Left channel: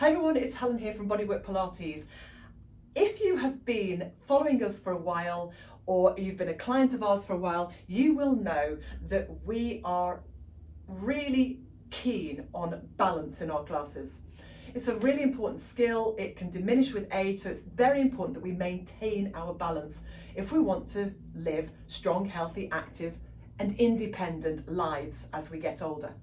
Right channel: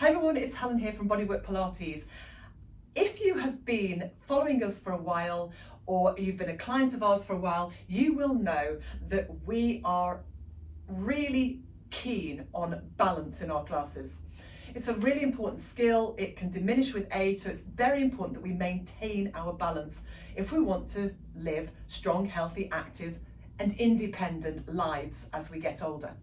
Hi everyone, it's Helen here from Bodywork-Pilates. If you have been following us for a while or you've been a client of ours for a while, you will know that we are really keen on balance in our classes. It's a really important skill. It can diminish with age, so it's very important that we maintain our balance if we want to live strong, healthy, active and independent lives as we get older.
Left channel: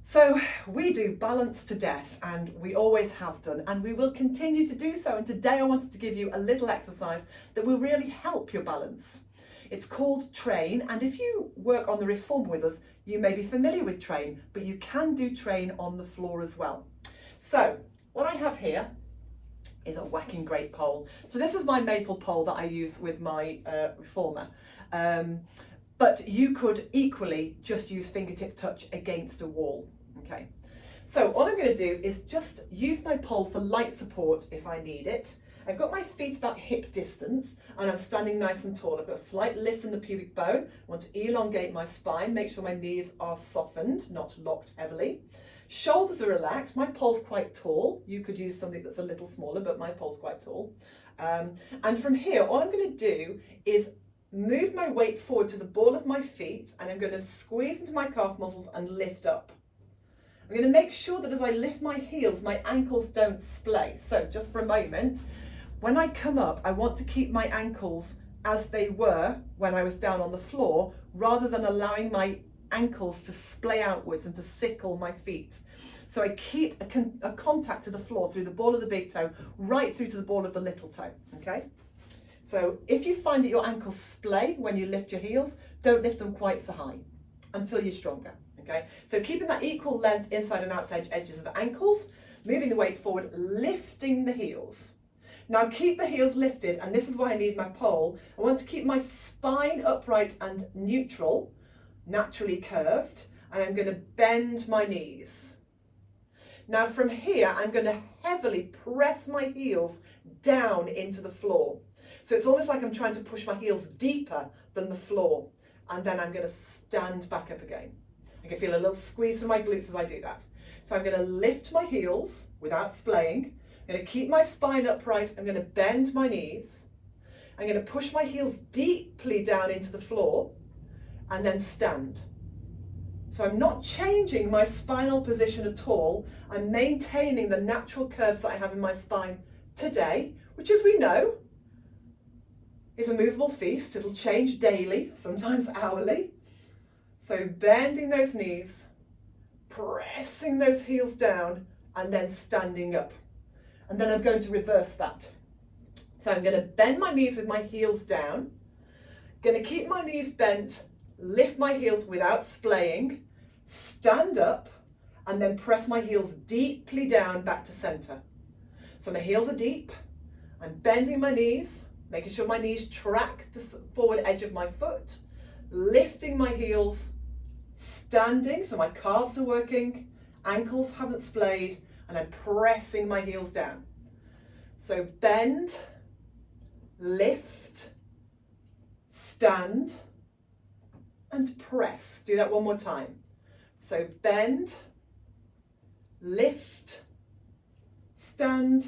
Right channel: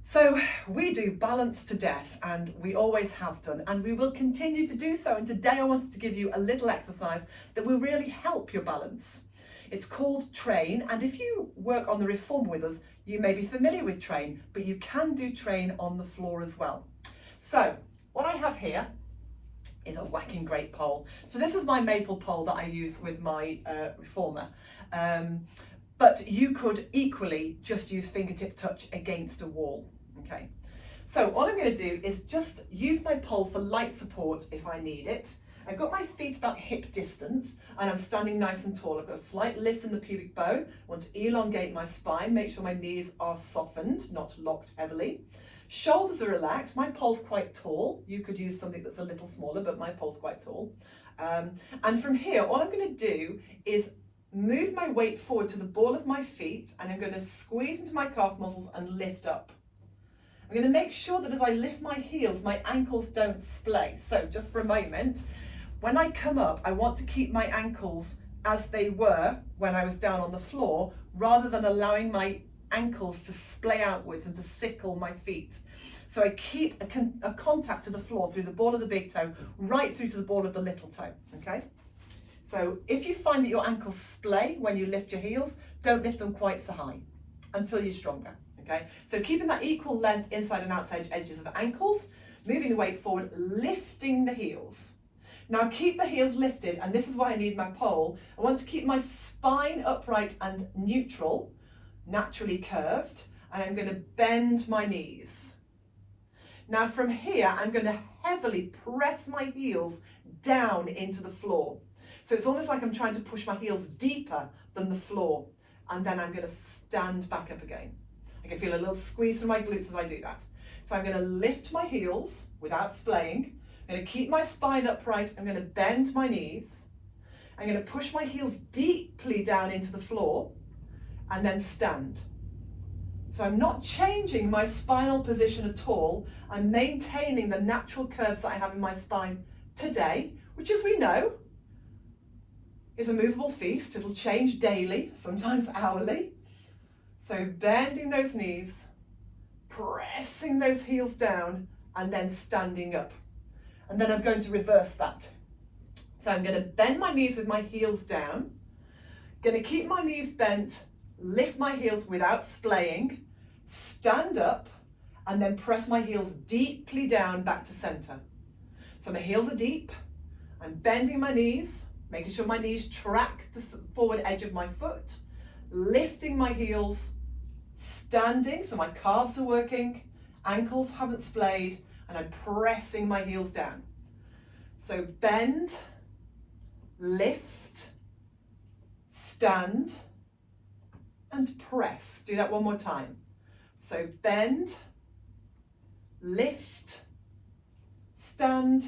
So we do balance to death, and we always have done, and we will continue to do so. And today I wanted to give you a little exercise that will really help your balance. It's called Train, and if you work on the reformer with us, you may be familiar with Train, but you can do Train on the floor as well. So what I have here is a whacking great pole. So this is my maple pole that I use with my reformer. But you could equally just use fingertip touch against a wall. Okay, so all I'm going to do is just use my pole for light support if I need it. I've got my feet about hip distance and I'm standing nice and tall. I've got a slight lift from the pubic bone. I want to elongate my spine, make sure my knees are softened, not locked heavily. Shoulders are relaxed. My pole's quite tall. You could use something that's a little smaller, but my pole's quite tall. And from here, all I'm going to do is move my weight forward to the ball of my feet, and I'm going to squeeze into my calf muscles and lift up. I'm going to make sure that as I lift my heels, my ankles don't splay. So just for a moment, when I come up, I want to keep my ankles as they were when I was down on the floor, rather than allowing my ankles to splay outwards and to sickle my feet. So I keep a contact to the floor through the ball of the big toe, right through to the ball of the little toe, okay? So if you find that your ankles splay when you lift your heels, don't lift them quite so high until you're stronger, okay? So keeping that equal length inside and outside edges of the ankles, moving the weight forward, lifting the heels. Now keep the heels lifted, and this is why I need my pole. I want to keep my spine upright and neutral, naturally curved, and I'm going to bend my knees. Now from here, I'm going to heavily press my heels down into the floor. So it's almost like I'm trying to push my heels deeper than the floor, and then I'm going to stand back up again. I can feel a little squeeze through my glutes as I do that. So I'm going to lift my heels without splaying. I'm going to keep my spine upright. I'm going to bend my knees. I'm going to push my heels deeply down into the floor and then stand. So I'm not changing my spinal position at all. I'm maintaining the natural curves that I have in my spine today, which, as we know, is a movable feast. It'll change daily, sometimes hourly. So bending those knees, pressing those heels down, and then standing up. And then I'm going to reverse that. So I'm going to bend my knees with my heels down, going to keep my knees bent, lift my heels without splaying, stand up, and then press my heels deeply down back to center. So my heels are deep, I'm bending my knees, making sure my knees track the forward edge of my foot, lifting my heels, standing, so my calves are working, ankles haven't splayed, and I'm pressing my heels down. So bend, lift, stand, and press. Do that one more time. So bend, lift, stand,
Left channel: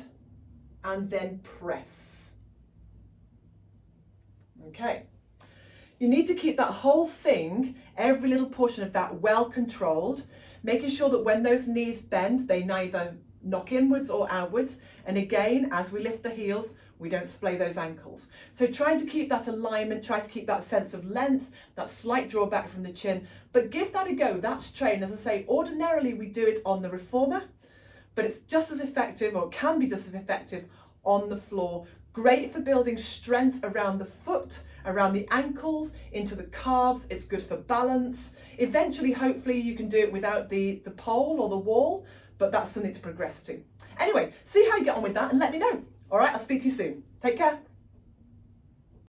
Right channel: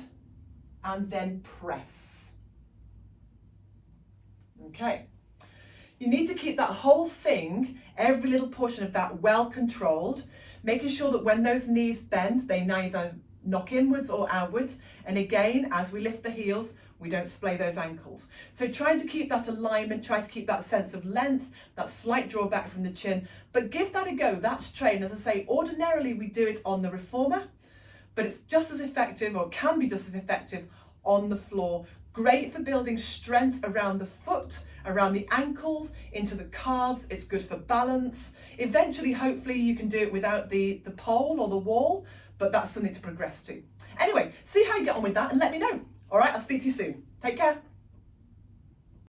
and then press. Okay. You need to keep that whole thing, every little portion of that, well controlled, making sure that when those knees bend, they neither knock inwards or outwards. And again, as we lift the heels, we don't splay those ankles. So trying to keep that alignment, trying to keep that sense of length, that slight drawback from the chin, but give that a go. That's Train. As I say, ordinarily we do it on the reformer, but it's just as effective, or can be just as effective, on the floor. Great for building strength around the foot, around the ankles, into the calves. It's good for balance. Eventually, hopefully, you can do it without the pole or the wall, but that's something to progress to. Anyway, see how you get on with that and let me know. All right, I'll speak to you soon. Take care.